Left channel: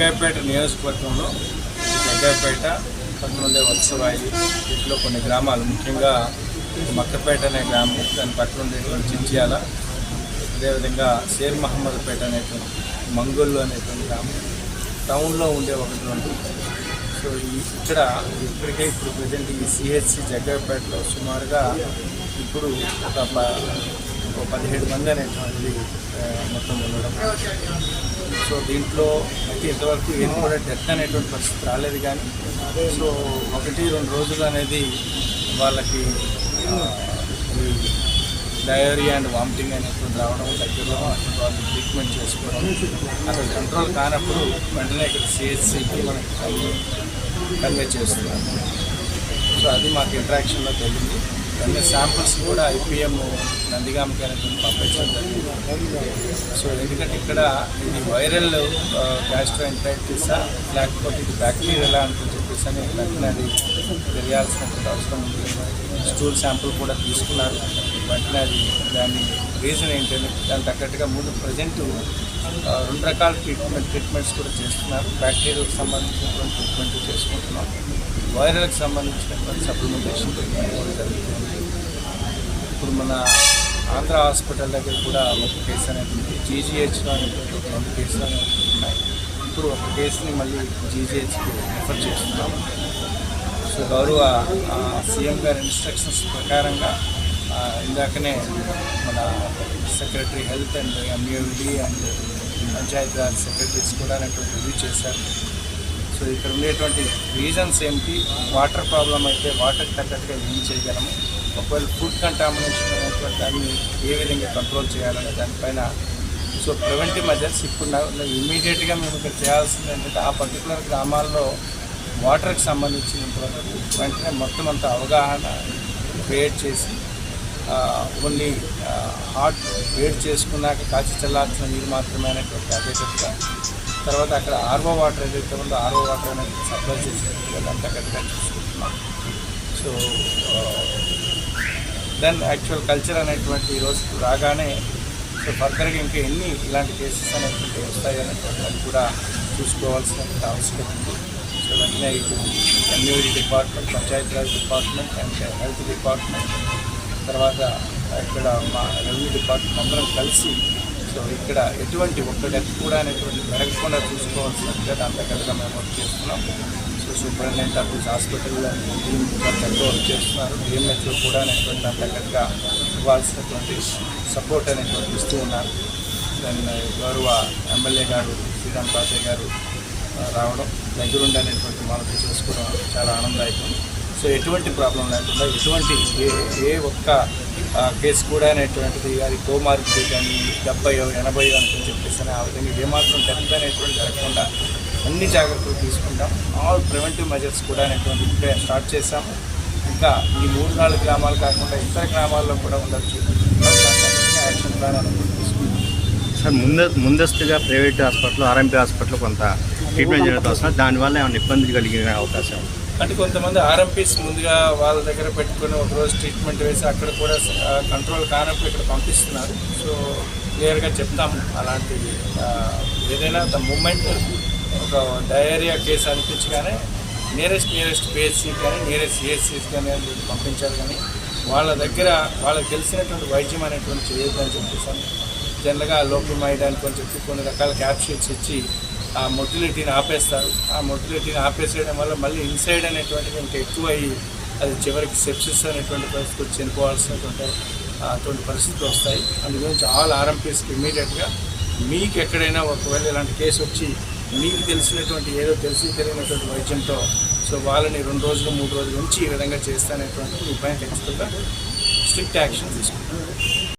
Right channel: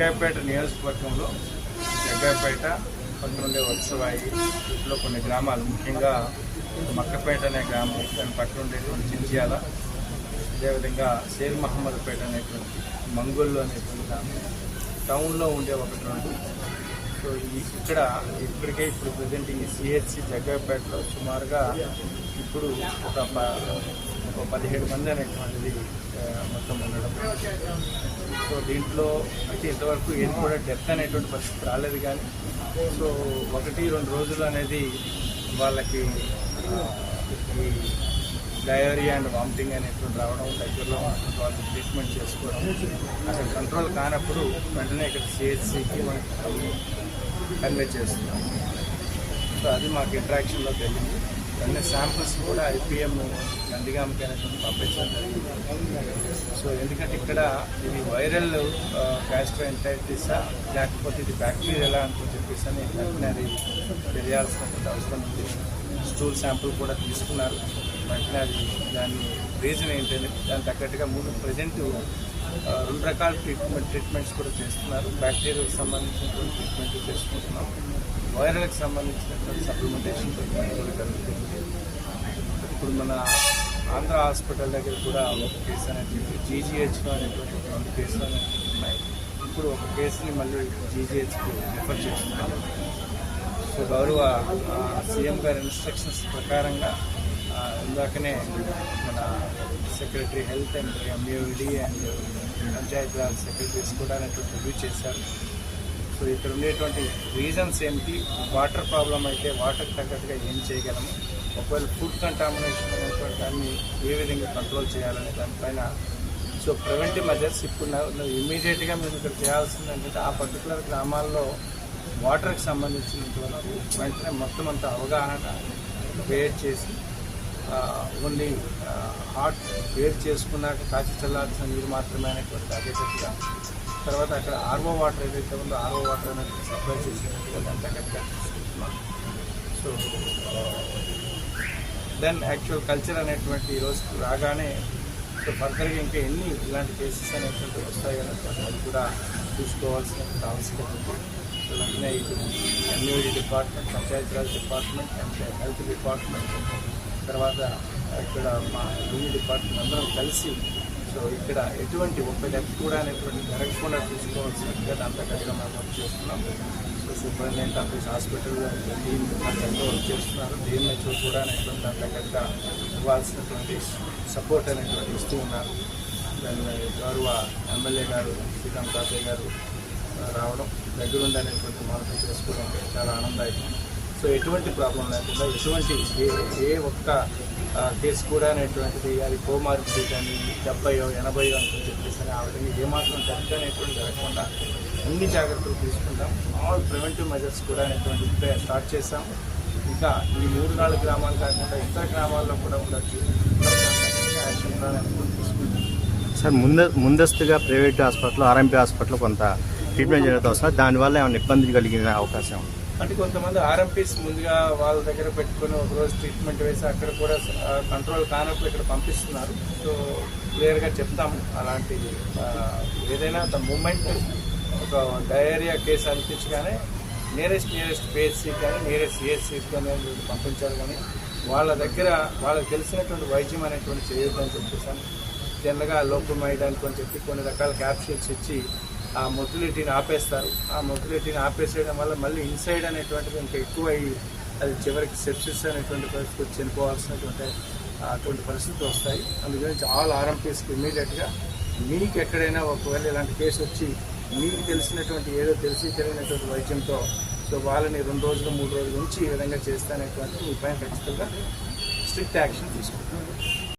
జగ్గయ్యపేట నియోజకవర్గంలో జగ్గయ్యపేట పక్కనుండే వత్సవాయి వీటిలో కొన్ని గ్రామాలు, ముఖ్యంగా మక్కపేట అనే గ్రామం, దాని పక్కన ఉండేటువంటి చించియాల, అదేవిధంగా షేర్ మహమ్మద్పేట అనేటువంటి మంగోళ్ళు అనేటువంటి గ్రామం, టౌన్లో ఉండే ఒకటి రెండు. సో ఇప్పటికే ప్రజెంట్ ఈ సిహెచ్సి జగ్గయ్యపేటలో సుమారుగా ఇప్పుడు ఒక 17 మంది అనేటువంటిది మొత్తం ఉండడం. సో దీంట్లో అయితే ఇంతవరకు ఏం కూడా డెత్ అనేటువంటి పరిస్థితి రాలేదు, కానీ సో 1-2 రోజులు అనేది వాళ్ళకి ఈ డయేరియా అండ్ వామిటింగ్ అనేటువంటి రావడం, దగ్గరలో వాళ్ళు ట్రీట్మెంట్ చేసుకోవడం, అది కంట్రోల్ కానప్పుడు వెంటనే ఇక్కడ సిహెచ్సికి మనకి కన్వే చేస్తున్నాం. సో అది మాకు ఇంటరాక్షన్లో తెలియదు. అన్ని శాంపుల్స్ కూడా ఐపీఎం నందిగామకి అనేటువంటి పంపించడం జరిగింది. సో ఎందుకంటే ఇక్కడ ఇది వైరల్ గ్యాస్ట్రోఎంటరైటిసా లేకపోతే ఇది బ్యాక్టీరియా అని చెప్పేసి అని వెంటనే అది తెలియాల్సినటువంటి అవసరం ఉంది. స్టూల్ శాంపుల్ కూడా తీసుకున్నారు. వెంటనే అది దాని రీజన్ ఏంటంటే దాని తగ్గట్టుగా ప్రజెంట్ 2 రకాల ట్రీట్మెంట్స్ కూడా చేస్తున్నారు. బ్యాక్టీరియాకి సంబంధించినటువంటి ట్రీట్మెంట్ చేసుకుంటున్నాం, వైరల్కి సంబంధించినటువంటి సప్లిమెంటేషన్ ట్రీట్మెంట్ కూడా జరుగుతుంది. ఇప్పుడు మన ఆంధ్ర హాస్పిటల్ దగ్గర కూడా ఒక కేసు అనేది జీజీహెచ్లో అనేటువంటి 2 కేసులు అనేవి ఉన్నాయి. ఇప్పుడు ఒక కేసుని మళ్ళీ జీజీహెచ్కి రిఫర్ చేస్తున్నాం. సో గౌరవ సీఎం గారి ఇన్స్ట్రక్షన్స్ ప్రకారంగా ఇందాకనే మన secretary health and MUD and Panchayati Raj secretaries కూడా రివ్యూ చేశారు. సో ఇక్కడ ఉండేటువంటి రీజన్స్ ఏమిటి, వాటర్ ప్రాబ్లం అయితే వాటర్కి తగ్గట్టుగా ఏం చేయగలము, ఒకవేళ ఫుడ్ కంటామినేషన్ అనేటువంటి దాన్ని ఏ విధంగా కంట్రోల్ చేయాలనే దానిపైన సో ప్రివెంటివ్ మెజర్స్ ఇప్పుడు ఇమీడియట్గా మేము ఇక్కడ చేయాల్సింది ఏంటంటే ఆ పర్టికులర్ గ్రామాల్లో వాటర్కి సంబంధించినంతవరకు వెంటనే మొత్తం అంతా అవగాహన క్రియేట్ చేసి ఓన్లీ హాట్ వేడి చేసుకున్నాక కాచి చల్లార్చిన నీరు మాత్రమే అనేటువంటి అదే చెప్తాం. తర్వాత అక్కడ ఆర్ఓ వాటర్ ఏదైతే ఉందో ఆర్ఓ వాటర్ అనేది సప్లై చేసేట్టుగా దాని తగ్గట్టుగా చూసుకుంటున్నాం. సో దెన్ యాక్చువల్ కల్చర్ అనేటువంటి ఈరోజు రాగానే సో ఫర్దర్గా ఇంకా ఎన్ని ఇలాంటి కేసెస్ అనేటువంటి వస్తాయనేటువంటి అది కూడా చూసుకోవాల్సిన అవసరం ఉంది. సో వెంటనే ఇటు MUD department, Panchayati Raj department and health department, తర్వాత ఇక్కడ మా రెవెన్యూ డిపార్ట్మెంట్ అందరం కలిసి సో ఇక్కడ ఎటువంటి ఒక్క డెత్ కూడా అనేటువంటి జరగకుండా చూసుకోవాల్సినట్టుగా దాని తగ్గట్టుగా మేము వర్క్ చేస్తున్నాం. So superintendent of this hospital team ఎంతో వర్క్ చేస్తున్నారు. డిఎంహెచ్ఓ కూడా అనేటువంటి దాని తగ్గట్టుగా ఇవ్వాల్సినటువంటి సపోర్ట్ అనేటువంటి ఇస్తూ ఉన్నారు. దాన్ని గౌరవ ఎమ్మెల్యే గారు శ్రీరామ్ పాసయ్య గారు రావడం, దగ్గరుండి అనేటువంటి మనతో చేసుకోవడం చాలా ఆనందదాయకం. సో ఎటువంటి ప్రాబ్లం లేకుండా ఎటువంటి ఏ ఒక్క కేసు కూడా అనేటువంటిది అది కోమార్పిడి కానీ 70-80 అని చెప్పేసి ఆ విధంగా ఏమాత్రం డెత్ అనేటువంటి జరగకుండా అన్ని జాగ్రత్తలు తీసుకుంటాం. ఆల్ ప్రివెంటివ్ మెజర్స్ కూడా అనేటువంటి స్టార్ట్ చేస్తాం. ఇంకా ఈ 3-4 గ్రామాలు కాకుండా ఇతర గ్రామాల్లో కూడా ఉండొచ్చు. యాక్షన్ ప్లాన్ అనేటువంటి తీసుకుంటాం. సార్ ముందస్తుగా ప్రైవేట్ హాస్పిటల్, ఆర్ఎంపీ హాస్పిటల్ కొంత ట్రీట్మెంట్ జరుగుతుంది సార్, దానివల్ల ఏమైనా ఇబ్బంది కలిగే అవకాశం అంటే కొంతమంది ఆర్ఎంపీస్ ముందుగా వాళ్ళ దగ్గర పెట్టుకుని ఒకరోజు ట్రీట్మెంట్ వేసి అక్కడ కూడా కంట్రోల్ కానప్పుడు ఇక్కడ పంపిస్తున్నారు. సో క్లియర్గా చెప్తాము అలాంటివి ఏదైనా ద మూమెంట్ ఒక డయేరియా కేసు అనిపించగానే నియరెస్ట్ పిహెచ్సి కానీ నియరెస్ట్ సిహెచ్సిస్ కానీ పంపించారు. కానీ వాళ్ళ దగ్గర వాళ్ళకి తెలిసినటువంటి వైద్యం అనేటువంటి చేయొద్దని చెప్పేసి జనరల్గా లోపమైడ్ అని చెప్పి కొన్ని రకాల క్యాప్సూల్స్ ఇచ్చి ఆ మొటిలిటీని ఆపేస్తారు. ఆ మొటిలిటీని ఆపేసేయడం వల్ల మళ్ళీ ఇన్సైడ్ అనేటువంటిది ఇంకా ఎక్కువ అయ్యి అది చివరికి సెప్సిస్ అనేటువంటి పరిస్థితి చనిపోవాల్సినటువంటి అటువంటి పరిస్థితులు వస్తాయి. అందుగురించి ఆల్ ఆర్ఎంపీస్కి ఇమ్మీడియట్గా మీకు ఎక్కడైనా ఒకవేళ ఇలాంటి కేసు వచ్చి మీకు తెలిసినటువంటి ఏదో తెలియనటువంటి వైద్యంతో సో వాళ్ళని 2 రోజులు 3 రోజుల నుంచి ఈ విధంగా చేస్తానేటువంటి మీ పైన ఖచ్చితంగా స్ట్రిక్ట్ యాక్షన్ తీసుకుంటాం.